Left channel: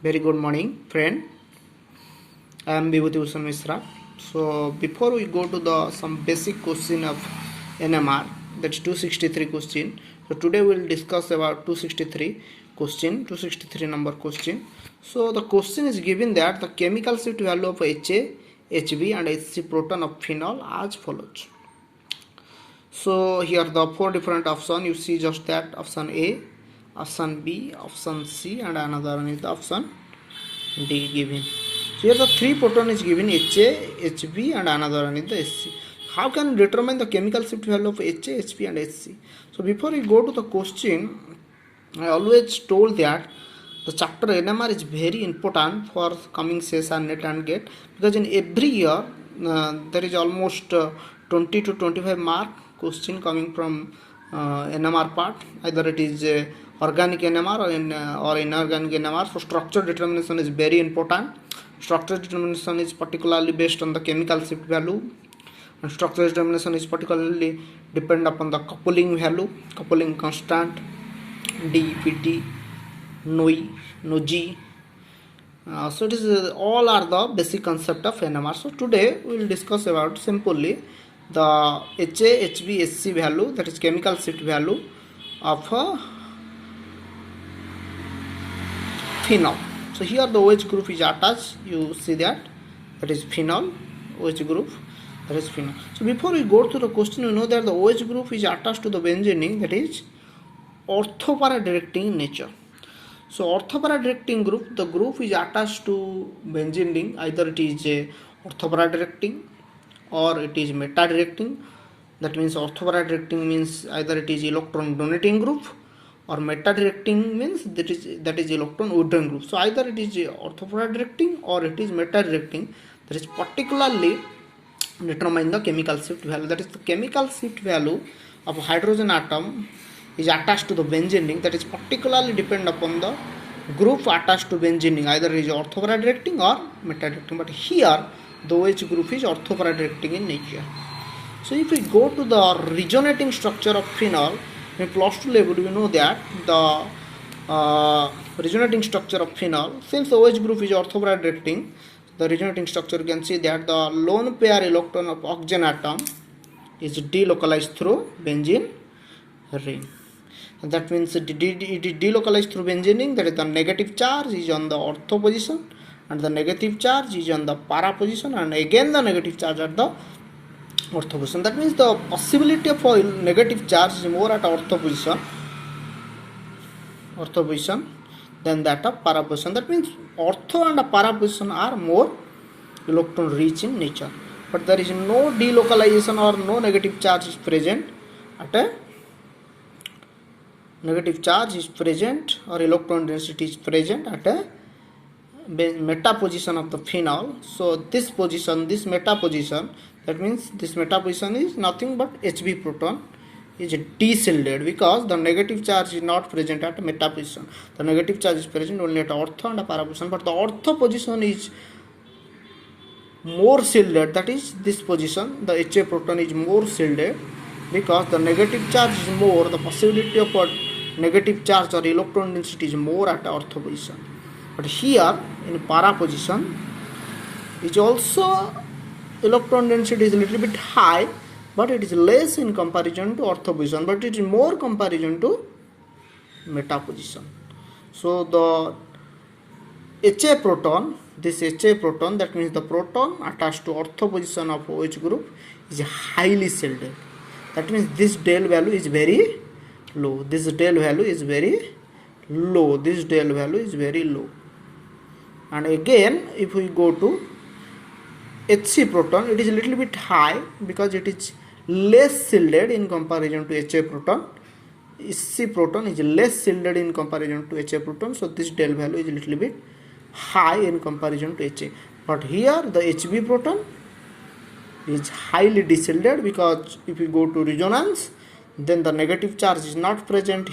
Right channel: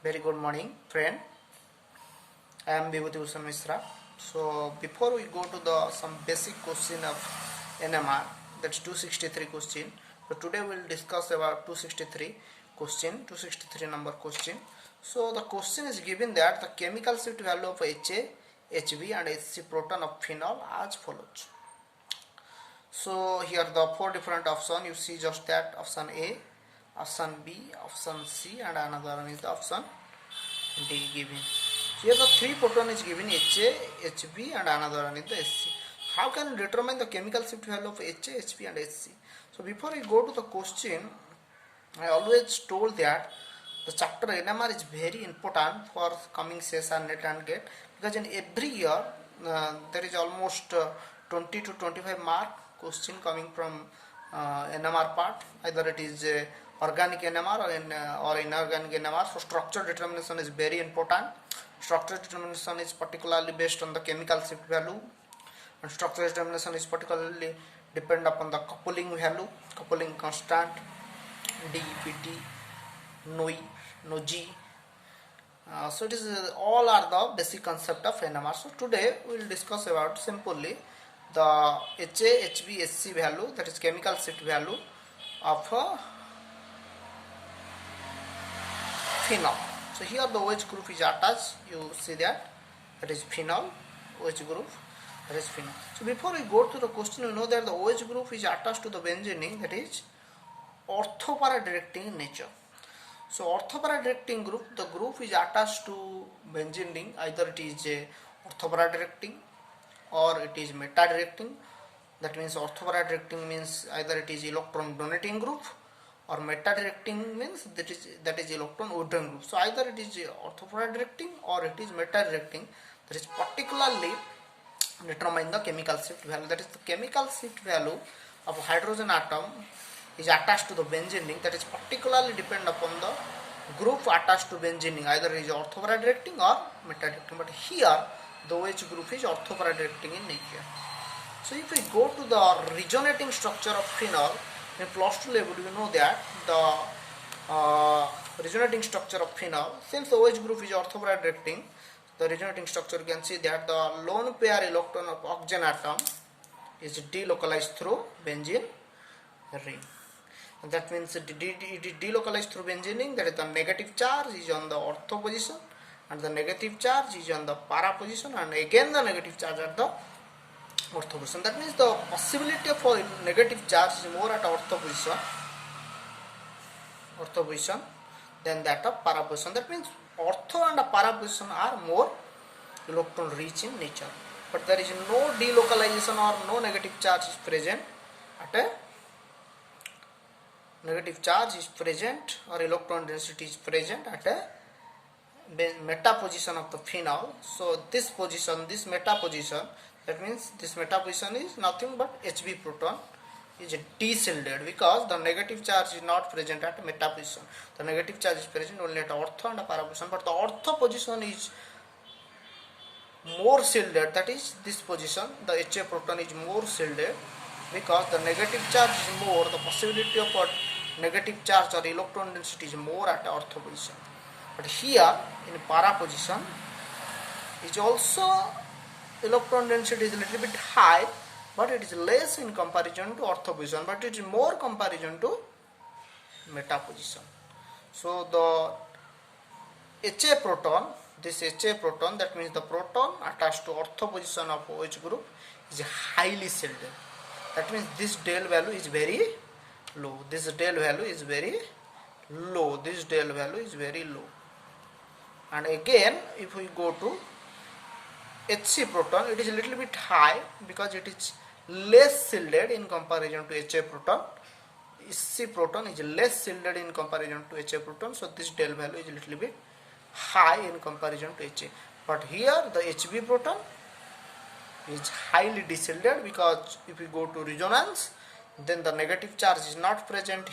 Very good morning, friend. I am Vibhuti Bhushan Mishra. So before we go to the some basic question of NMR, that's 263 question. So today we will discuss about 263 question, 263 number question. So the question is given that the chemical shift value of HA, HB and HC proton of phenol as follows. So here the four different options. You see just that option A, option B, option C, and another one is the option D given. So here the three proton is given HA, HB, and another one is the SC. How can we determine the chemical shift value of HA, HB, and SC? So before we go to the question, I always told that the chapter NMR is very important for coming session net and gate, because in every year there is almost 20 to 25 mark question coming from NMR part. Either it is organic NMR or inorganic NMR. So structure determination is very important. Structure determination is particularly based on the chemical shift value, and structure determination is particularly depend upon the coupling value, coupling constant, DPT, NOI, NOG. So it is all are the basic concept of NMR. So today we will discuss about simply the HA, HB, SC value, that is chemical shift value of phenol. So here the OH group is attached. You see that is phenol, OH group, that is phenol. So before we go to the question, you know that the OH group is attached to the benzene ring, that is orthopara directing nature. So orthopara directing group, the group is attached to benzene ring. Either it is a orthopara directing or it is meta directing. That means orthopara directing means either it is electron donating group, or meta directing means that is electron withdrawing group. So either it is orthopara directing or it is meta directing. That is particularly determine the chemical shift value. That is the chemical shift value of a hydrogen atom is attached to the benzene ring. That is particularly depend upon the group attached to benzene ring. Either it is orthopara directing or meta directing. But here the OH group is orthopara directing in nature. So if we go to the resonating structure of phenol, in plus 2 level you know that the resonating structure of phenol, since the OH group is orthopara directing, the resonating structure you can see that the lone pair electron of oxygen atom is delocalized through benzene ring. And that means it is delocalized through benzene ring. That is the negative charge is on the ortho position and the negative charge is on the para position, and again the negative charge at the ortho position. That means the possibility of a negative charge is more at ortho position than that of para position. That means ortho and para position are more electron rich in nature, but there is no delocalization or no negative charge is present at a negative charge is present or electron density is present at a meta position of the phenol. So this position, this meta position, that means this meta position is nothing but HB proton is de-shielded, because the negative charge is not present at meta position. The negative charge is present only at ortho and para position, but the ortho position is more shielded. That is this position, the HA proton is more shielded, because the negative charge is more, the possibility of a negative charge or electron density is more at ortho position. But here in para position is also electron density is a little bit high, but it is less in comparison to ortho position, but it is more comparison to meta position. So the HA proton, this HA proton, that means the proton attached to ortho position of OH group is highly shielded. That means this del value is very low. This del value is very low. This del value is very low. And again, if we go to HC proton, it is a little bit high because it is less shielded in comparison to HA proton. HC proton is less shielded in comparison to HA proton. So this del value is a little bit high in comparison to HA. But here the HB proton is highly de-shielded, because if we go to resonance, then the negative charge is not present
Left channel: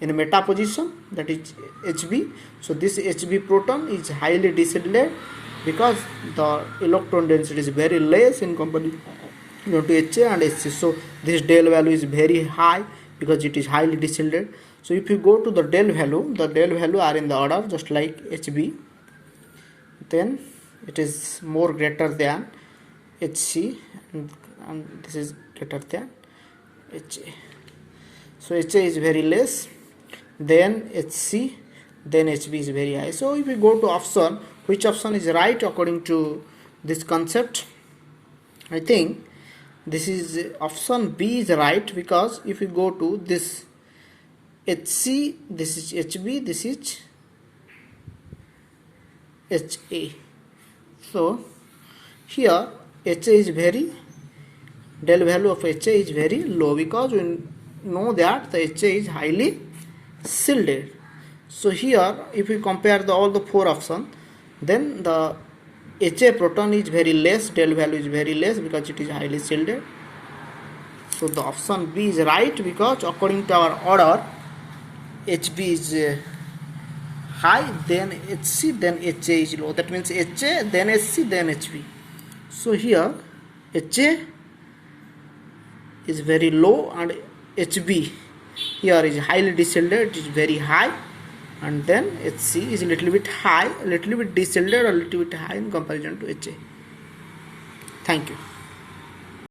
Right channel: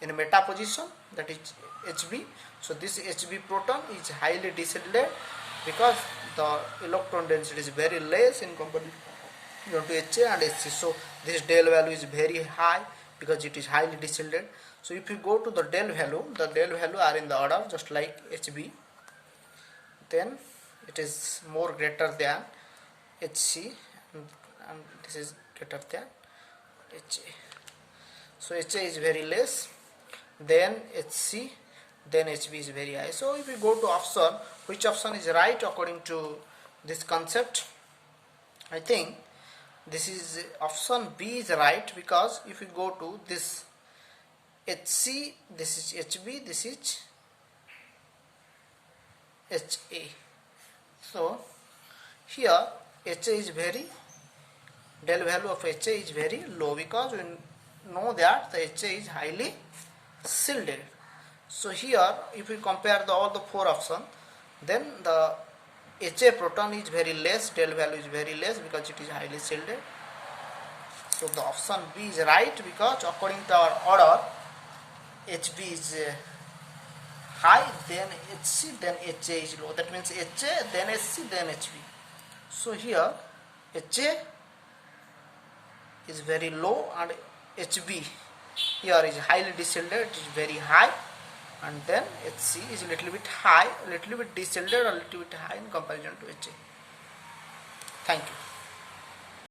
in meta position, that is HB. So this HB proton is highly de-shielded because the electron density is very less in comparison to HA and HC. So this del value is very high because it is highly de-shielded. So if you go to the del value are in the order just like HB, then it is more greater than HC, and this is greater than HA. So HA is very less, then HC, then HB is very high. So if we go to option, which option is right according to this concept? I think this is option B is right, because if you go to this HC, this is HB, this is HA. So here HA is very, del value of HA is very low, because we know that the HA is highly shielded. So here if we compare all the four options, then the HA proton is very less, del value is very less, because it is highly shielded. So the option B is right, because according to our order, HB is high, then HC, then HA is low. That means HA, then HC, then HB. So here HA is very low, and HB here is highly deshielded, it is very high, and then HC is a little bit high, a little bit deshielded, or a little bit high in comparison to HA. Thank you.